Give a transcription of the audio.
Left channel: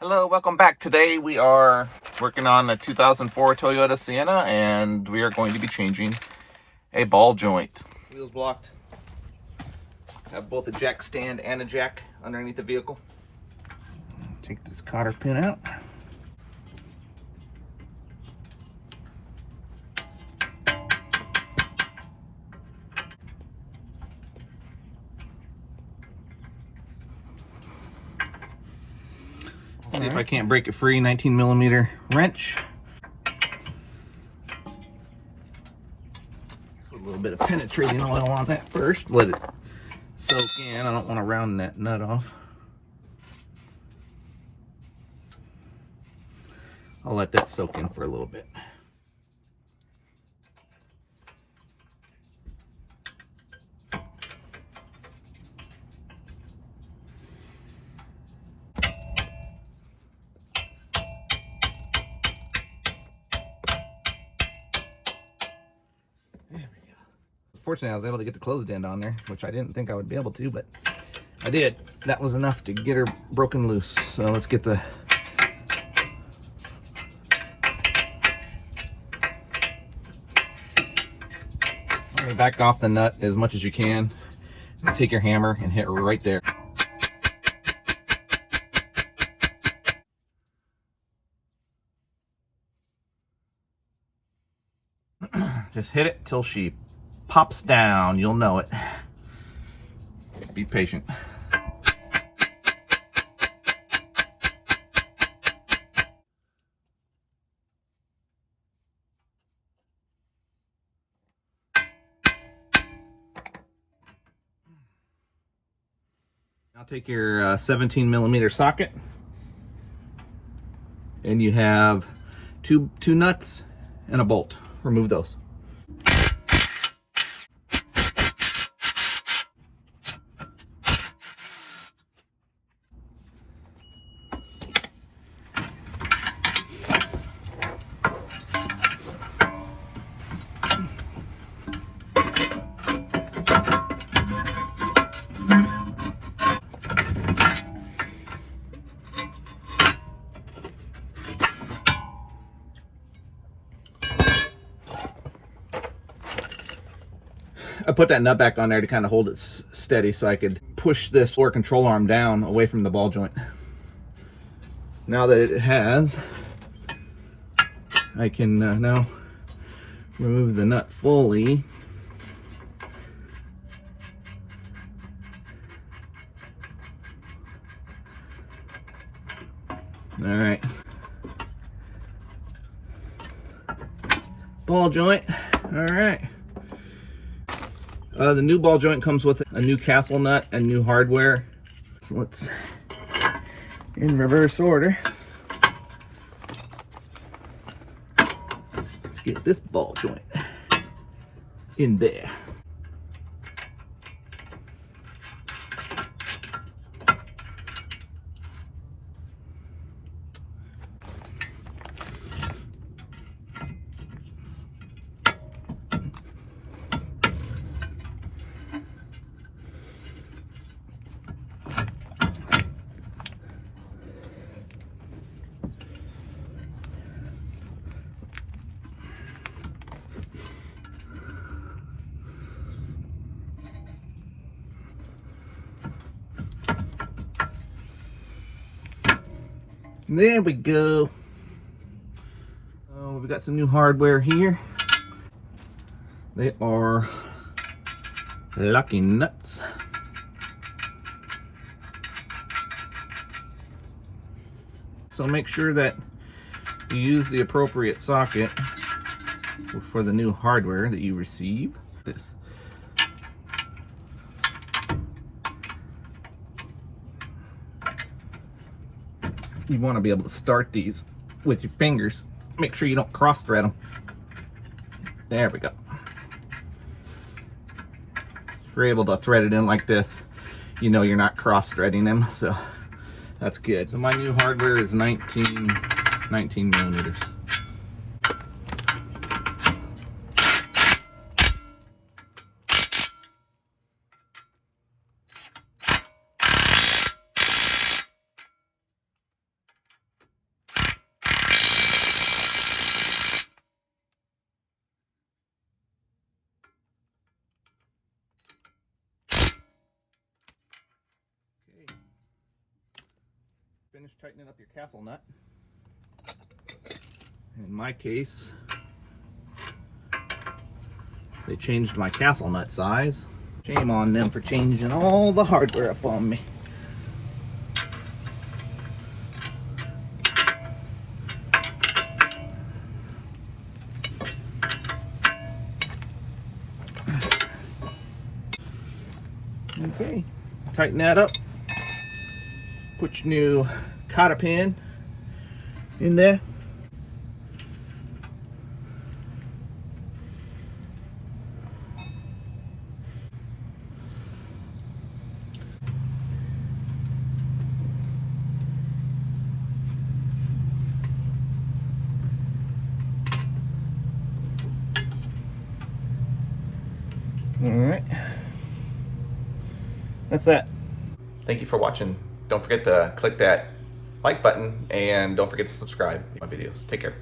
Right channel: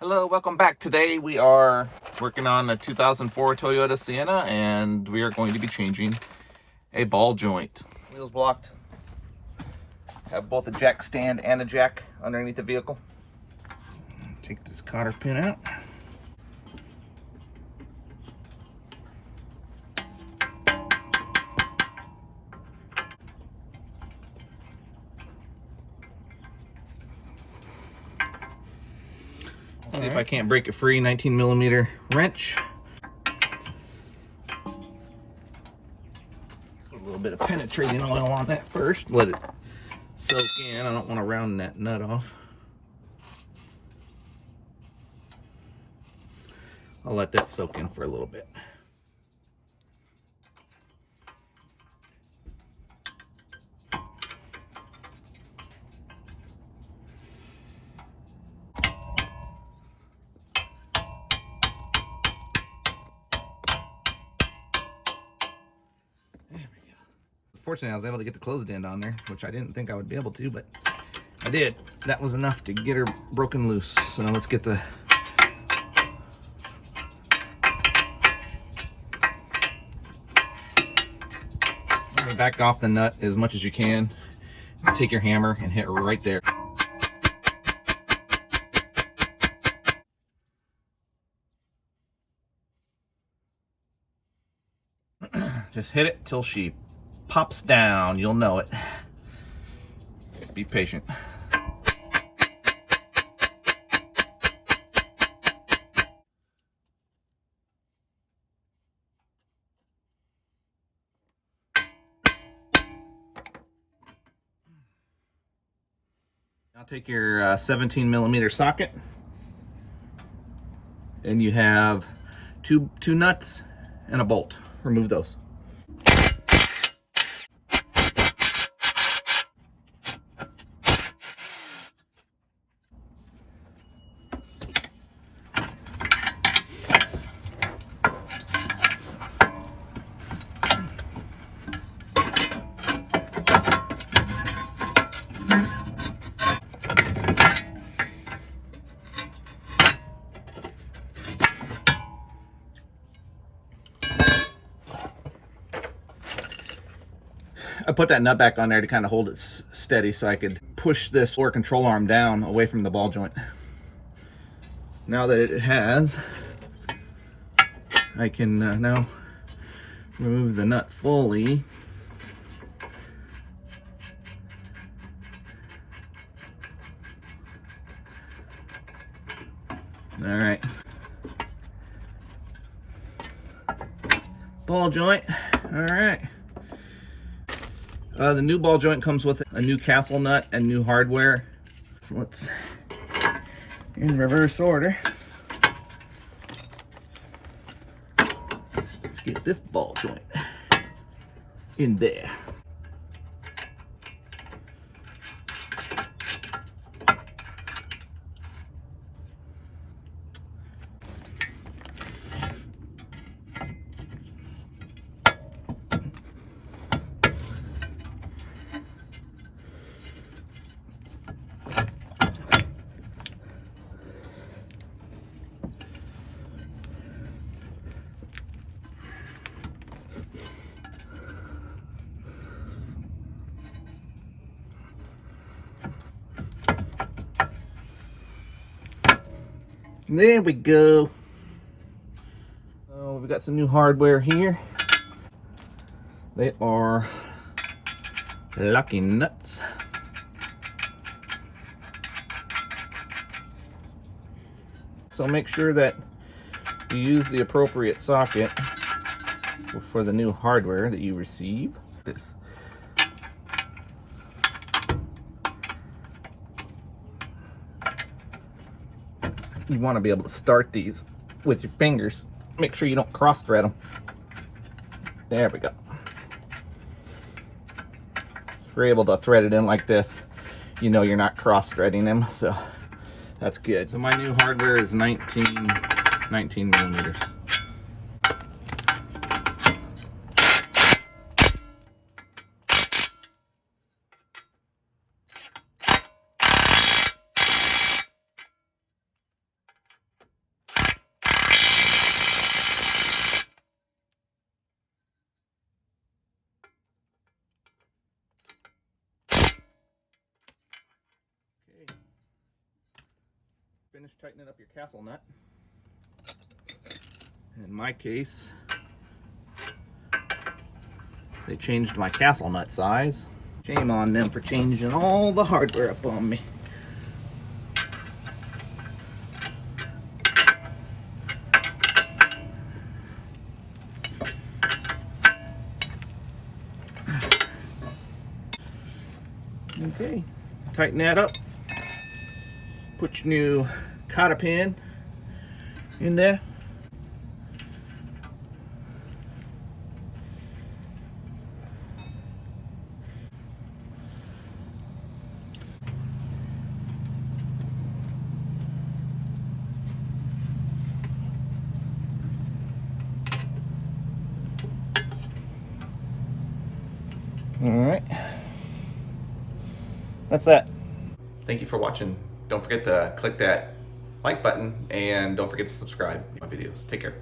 Hello, welcome back. Today we are working on a 2004 Toyota Sienna, and we are going to be changing a ball joint. Wheels blocked. Have both a jack stand and a jack underneath the vehicle. Take this cotter pin out. See if I can't break it free. 19mm wrench. A little bit of penetrating oil on that first. Let it soak in. I don't want to round that nut off. I'll let that soak in for a little bit. There we go. Fortunately, I was able to get the closed end on there, which I didn't think I would be able to, but I did. That was enough to get her broken loose. So let's get the back off the nut as much as you can. Take your hammer and hit right there. Just hit it till she pops down. You'll know it. Be patient. Now take your 17mm socket, and you have two nuts and a bolt. Remove those. I put that nut back on there to kind of hold it steady so I could push this floor control arm down away from the ball joint. Now that it has, I can now remove the nut fully. All right. Ball joint. All right. The new ball joint comes with a new castle nut and new hardware. So let's, in reverse order, let's get this ball joint in there. There we go. Oh, we've got some new hardware here. They are lucky nuts. So make sure that you use the appropriate socket for the new hardware that you receive. You want to be able to start these with your fingers. Make sure you don't cross thread them. There we go. If you're able to thread it in like this, you know you're not cross threading them, so that's good. So my new hardware is 19 millimeters. finish tightening up your castle nut. In my case, they changed my castle nut size. Shame on them for changing all the hardware up on me. Okay, tighten that up. Put your new cotter pin in there. All right, that's that. Thank you for watching. Don't forget to click that like button and don't forget to subscribe to my videos. Take care.